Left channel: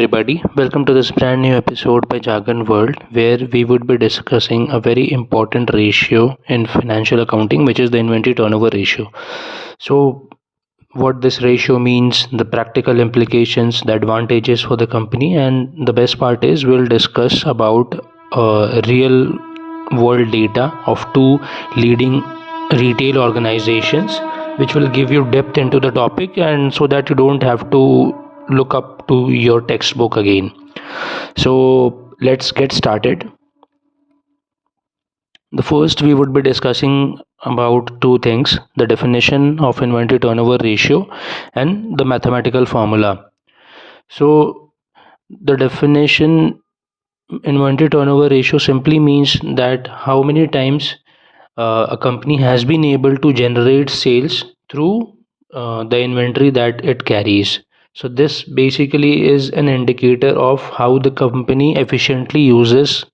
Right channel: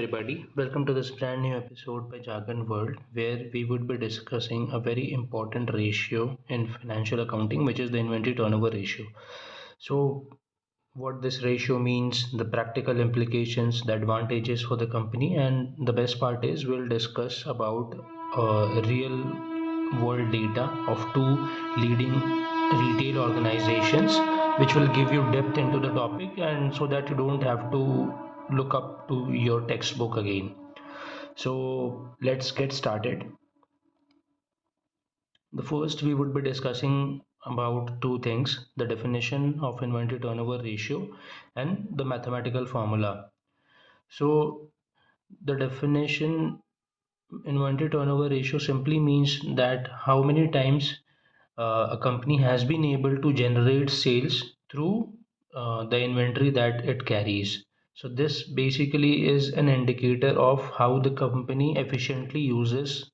Everybody, welcome to this brand new episode by Jargon World, where we would be discussing a very important ratio in financial accounting, which is the inventory turnover ratio. So, what this ratio means, the practical implications, the advantages for the company, and the best part is we'll discuss about real world data of two leading retail organizations, which will give you depth into the topic, and so that you don't have to look up to your textbook again. So let's get started. The first, we would be discussing about two things: the definition of inventory turnover ratio and the mathematical formula. So the definition, inventory turnover ratio, simply means that how many times a company has been able to generate sales through the inventory that it carries. So this basically is an indicator of how the company efficiently uses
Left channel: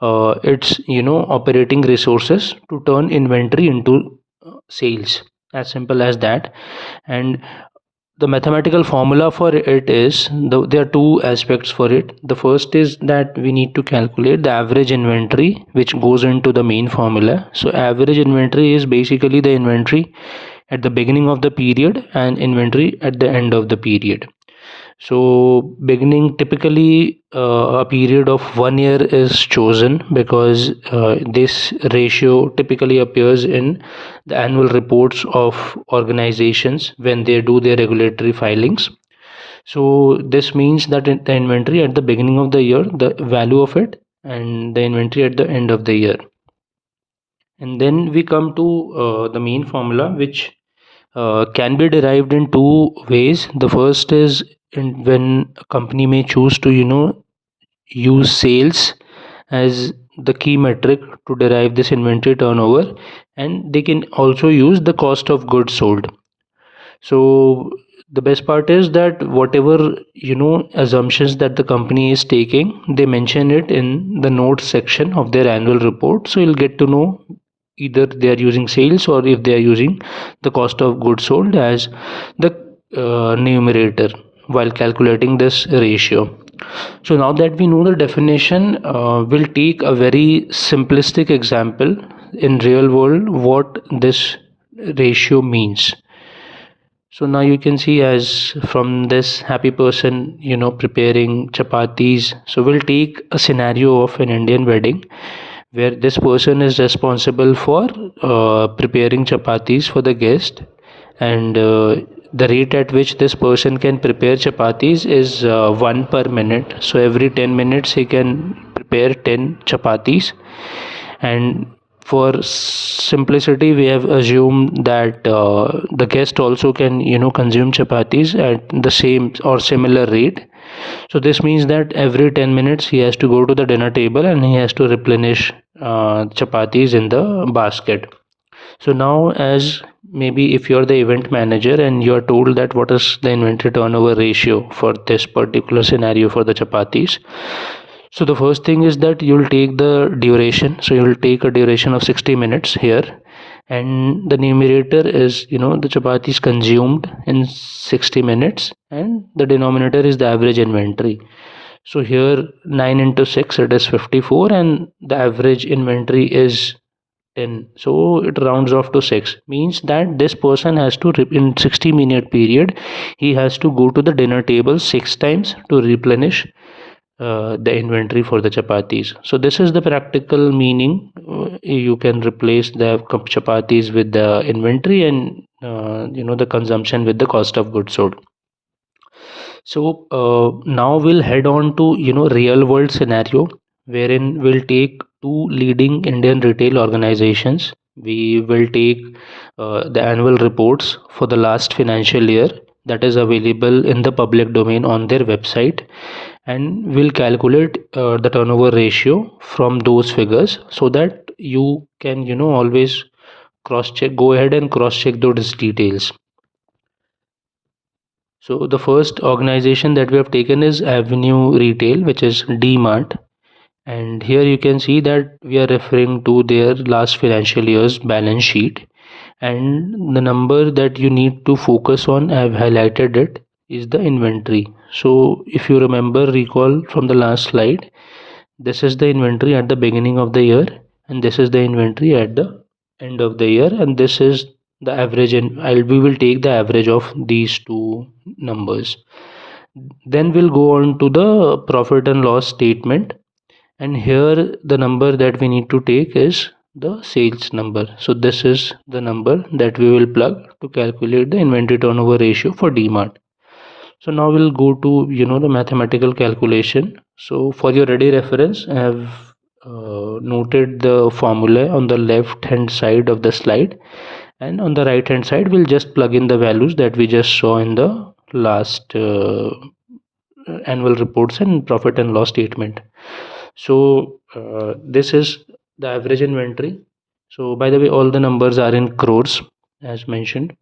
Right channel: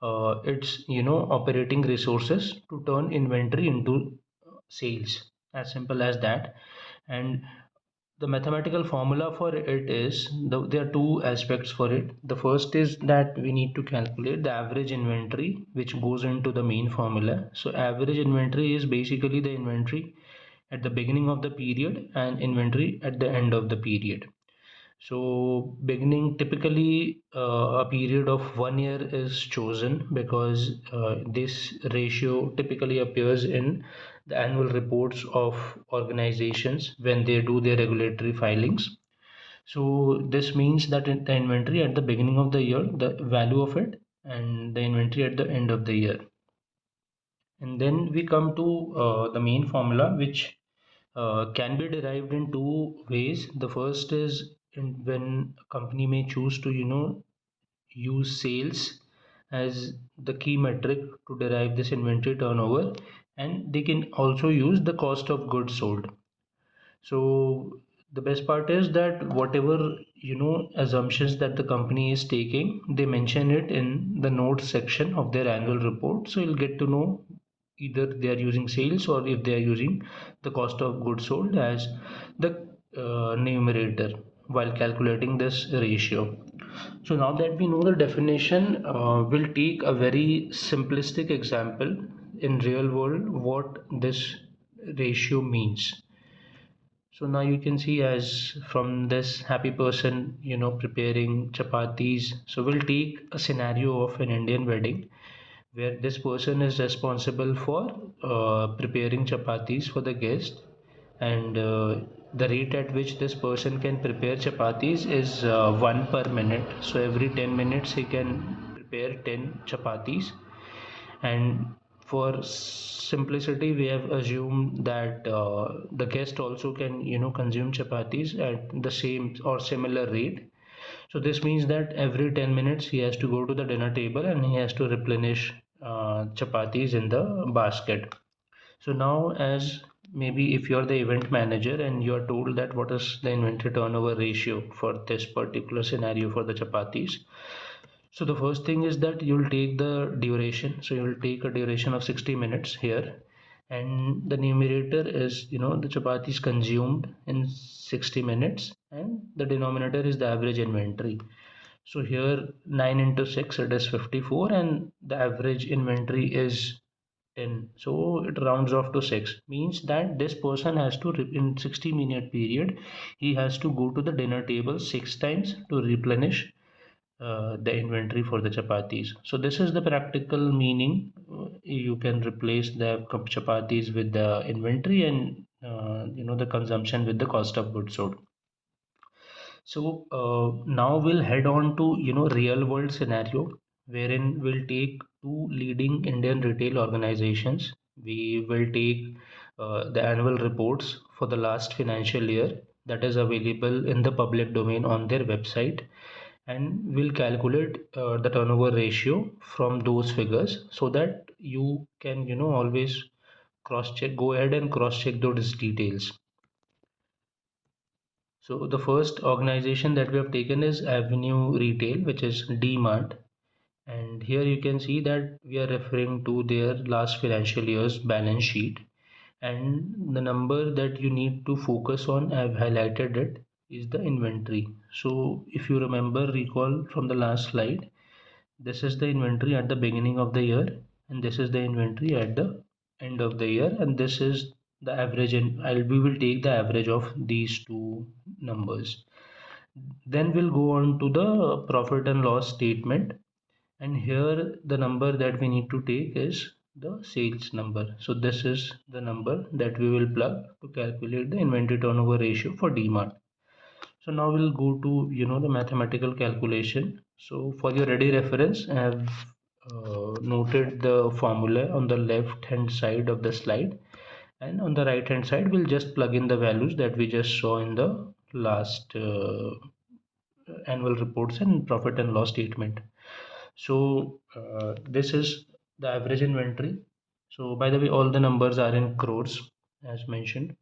its operating resources to turn inventory into sales, as simple as that. And the mathematical formula for it is, there are two aspects for it. The first is that we need to calculate the average inventory, which goes into the main formula. So average inventory is basically the inventory at the beginning of the period and inventory at the end of the period. So beginning, typically a period of 1 year is chosen because this ratio typically appears in the annual reports of organizations when they do their regulatory filings. So this means that the inventory at the beginning of the year, the value of it, and the inventory at the end of the year. And then we come to the main formula, which can be derived in two ways. The first is when a company may choose to use sales as the key metric to derive this inventory turnover, and they can also use the cost of goods sold. So the best part is that whatever assumptions that the company is taking, they mention it in the notes section of their annual report, so you'll get to know either they are using sales or if they are using the cost of goods sold as the numerator while calculating this ratio. So now that we know the definition, we'll take a very simplistic example in real world what this ratio means. So now you can see, as from this happy person preparing chapatis. So we'll take a scenario of an Indian wedding where this person is responsible for preparing chapatis for the guest, and the rate at which this person can prepare chapatis is 1 per minute. So every 10 minutes he can prepare 10 chapatis. And for simplicity, we have assumed that the guest also can consume chapatis at the same or similar rate. So this means that every 10 minutes he has to go to the dinner table and he has to replenish chapatis in the basket. So now, as maybe if you're the event manager and you're told that what is the inventory turnover ratio for this particular scenario for the chapatis, so the first thing is that you'll take the duration. So you'll take a duration of 60 minutes here, and the numerator is the chapatis consumed in 60 minutes, and the denominator is the average inventory. So here 9 into 6, it is 54, and the average inventory is 10. So it rounds off to 6, means that this person has to in 60-minute period he has to go to the dinner table 6 times to replenish the inventory for the chapatis. So this is the practical meaning. You can replace the chapatis with the inventory, and the consumption with the cost of goods sold. So now we'll head on to real world scenario, wherein we'll take two leading Indian retail organizations. We will take the annual reports for the last financial year that is available in the public domain on their website, and we'll calculate the turnover ratio from those figures, so that you can always cross check, go ahead and cross check those details. So the first organization that we have taken is Avenue Retail, which is Dmart. And here you can see that we are referring to their last financial year's balance sheet. And the number that you need to focus on, I have highlighted it, is the inventory. So if you recall from the last slide, this is the inventory at the beginning of the year, and this is the inventory at the end of the year, and this is the average, and we will take the average of these two numbers. Then we'll go on to the profit and loss statement, and here the number that we need to take is the sales number. So this is the number that we will plug to calculate the inventory turnover ratio for Dmart. So now we'll go to the mathematical calculation. So for your ready reference, I have noted the formula on the left hand side of the slide, and on the right hand side we'll just plug in the values that we just saw in the last annual reports and profit and loss statement. So this is the average inventory. So by the way, all the numbers are in crores as mentioned,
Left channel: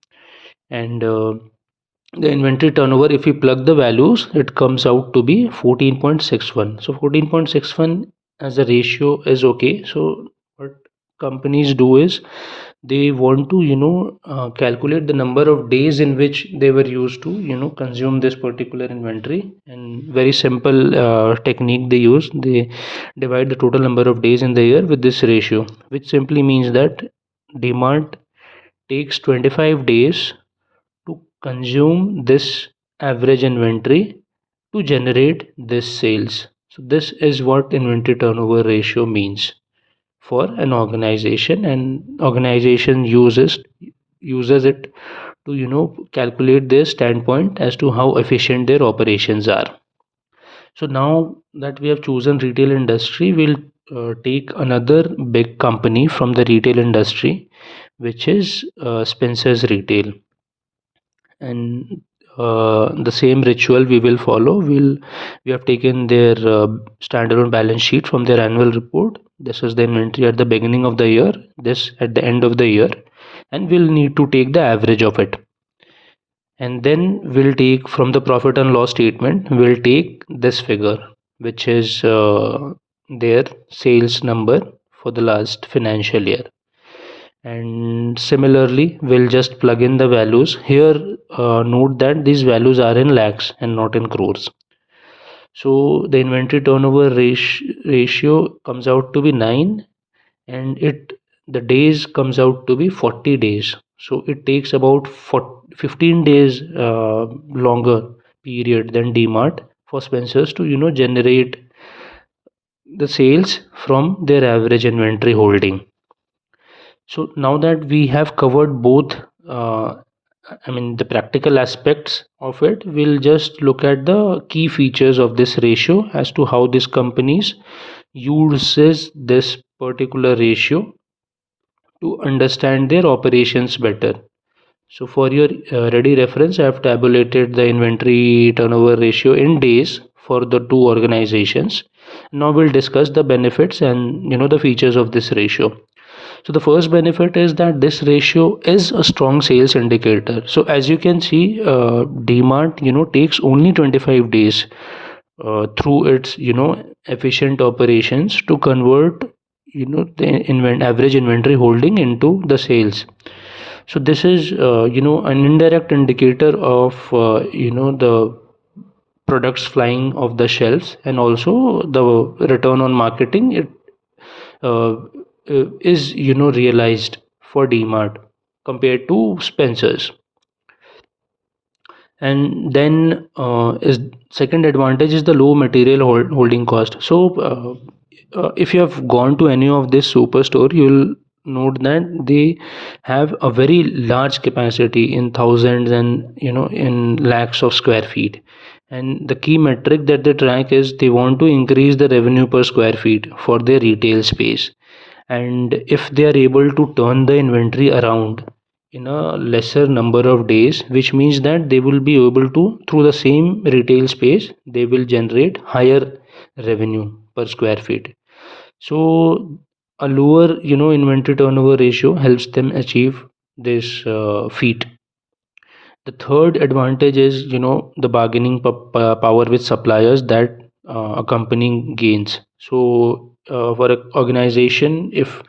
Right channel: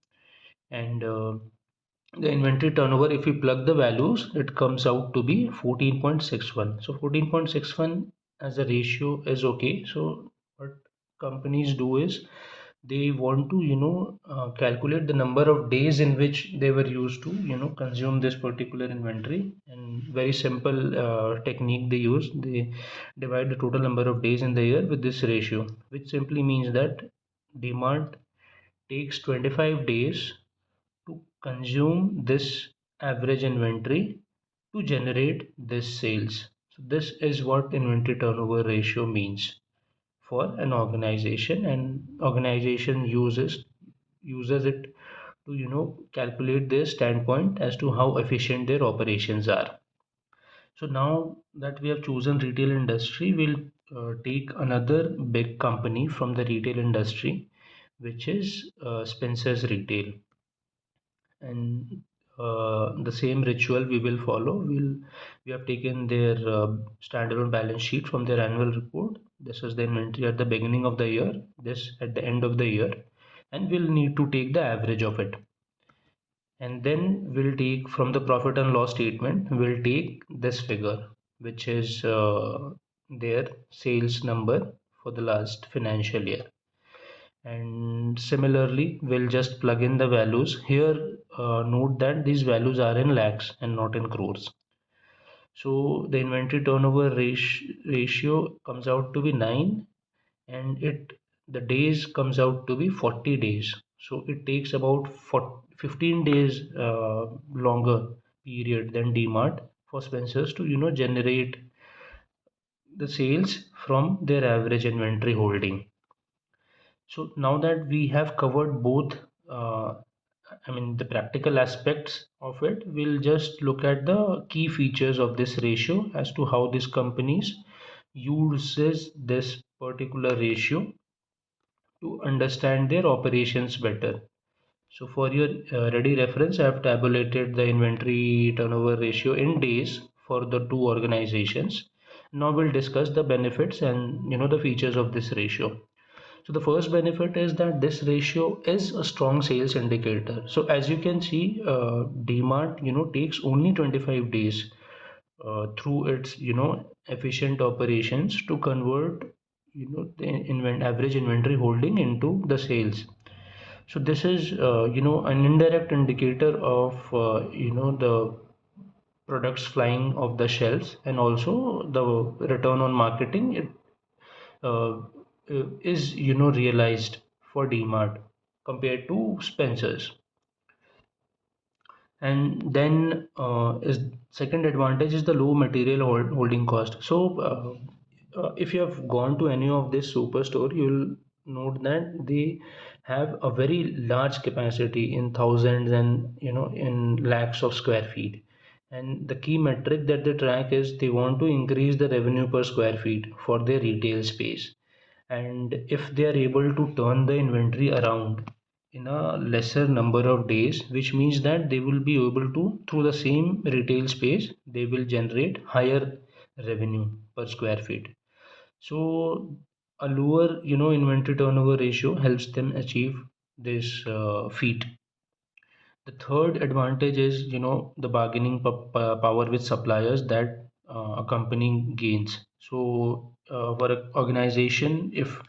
and the inventory turnover, if we plug the values, it comes out to be 14.61. So 14.61 as a ratio is okay. So what companies do is they want to calculate the number of days in which they were used to consume this particular inventory, and very simple technique they use. They divide the total number of days in the year with this ratio, which simply means that demand takes 25 days to consume this average inventory to generate this sales. So this is what inventory turnover ratio means for an organization, and organization uses it to calculate their standpoint as to how efficient their operations are. So now that we have chosen retail industry, we'll take another big company from the retail industry, which is Spencer's Retail, and the same ritual we will follow. We have taken their standalone balance sheet from their annual report. This is the inventory at the beginning of the year, this at the end of the year, and we'll need to take the average of it. And then we'll take from the profit and loss statement, we'll take this figure, which is their sales number for the last financial year. And similarly we'll just plug in the values here. Note that these values are in lakhs and not in crores. So the inventory turnover ratio comes out to be 9, and the days comes out to be 40 days. So it takes about 15 days longer period than Dmart for Spencers to generate the sales from their average inventory holding. So now that we have covered both, the practical aspects of it, we'll just look at the key features of this ratio as to how this companies uses this particular ratio to understand their operations better. So for your ready reference, I have tabulated the inventory turnover ratio in days for the two organizations. Now we'll discuss the benefits and the features of this ratio. So the first benefit is that this ratio is a strong sales indicator. So as you can see, Dmart takes only 25 days through its efficient operations to convert the average inventory holding into the sales. So this is an indirect indicator of the products flying off the shelves, and also the return on marketing it uh, is realized for Dmart compared to Spencer's. And then is second advantage is the low material holding cost. So if you have gone to any of this superstore, you'll note that they have a very large capacity in thousands and in lakhs of square feet, and the key metric that they track is they want to increase the revenue per square feet for their retail space. And if they are able to turn the inventory around in a lesser number of days, which means that they will be able to, through the same retail space, they will generate higher revenue per square feet. So a lower inventory turnover ratio helps them achieve this feat. The third advantage is the bargaining power with suppliers that a company gains. So for an organization, if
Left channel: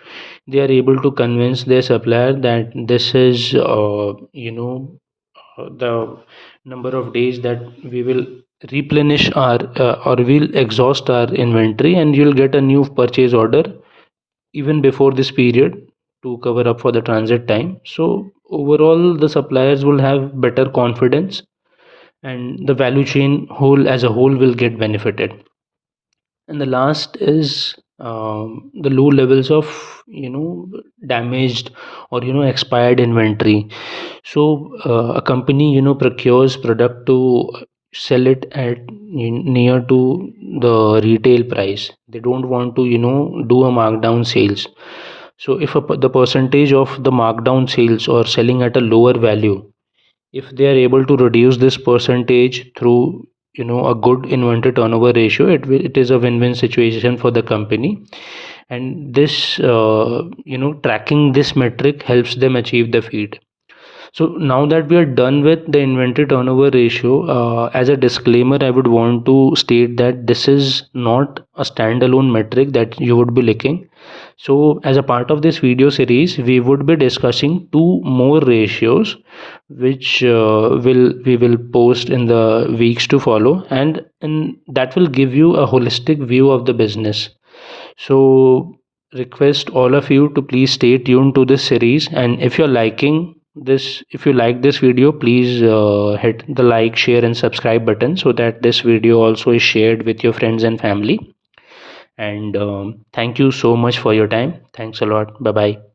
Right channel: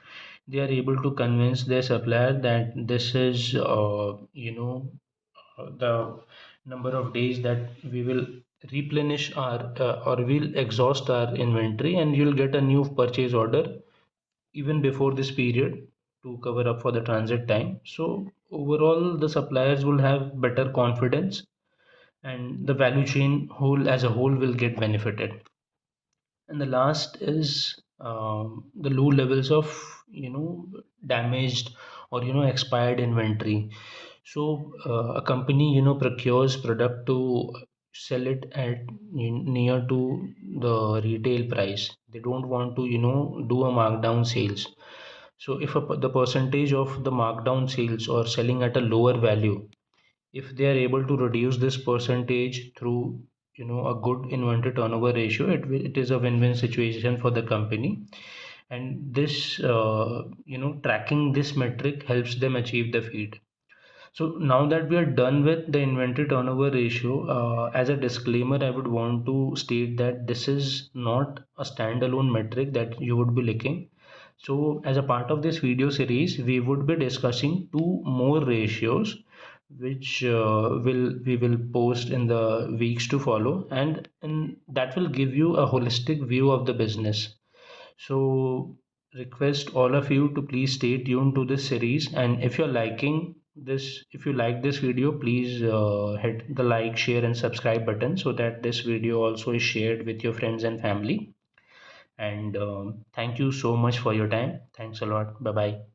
they are able to convince their supplier that this is the number of days that we will replenish our or we'll exhaust our inventory, and you'll get a new purchase order even before this period to cover up for the transit time. So overall, the suppliers will have better confidence, and the value chain whole as a whole will get benefited. And the last is the low levels of damaged or expired inventory. So a company procures product to sell it at near to the retail price. They don't want to do a markdown sales. So if the percentage of the markdown sales or selling at a lower value, if they are able to reduce this percentage through a good inventory turnover ratio, it is a win-win situation for the company. And this tracking this metric helps them achieve the feed. So now that we are done with the inventory turnover ratio, as a disclaimer, I would want to state that this is not a standalone metric that you would be looking. So as a part of this video series, we would be discussing two more ratios, which we will post in the weeks to follow, and that will give you a holistic view of the business. So request all of you to please stay tuned to this series, and if you like this video, please hit the like, share and subscribe button so that this video also is shared with your friends and family. And thank you so much for your time. Thanks a lot. Bye bye.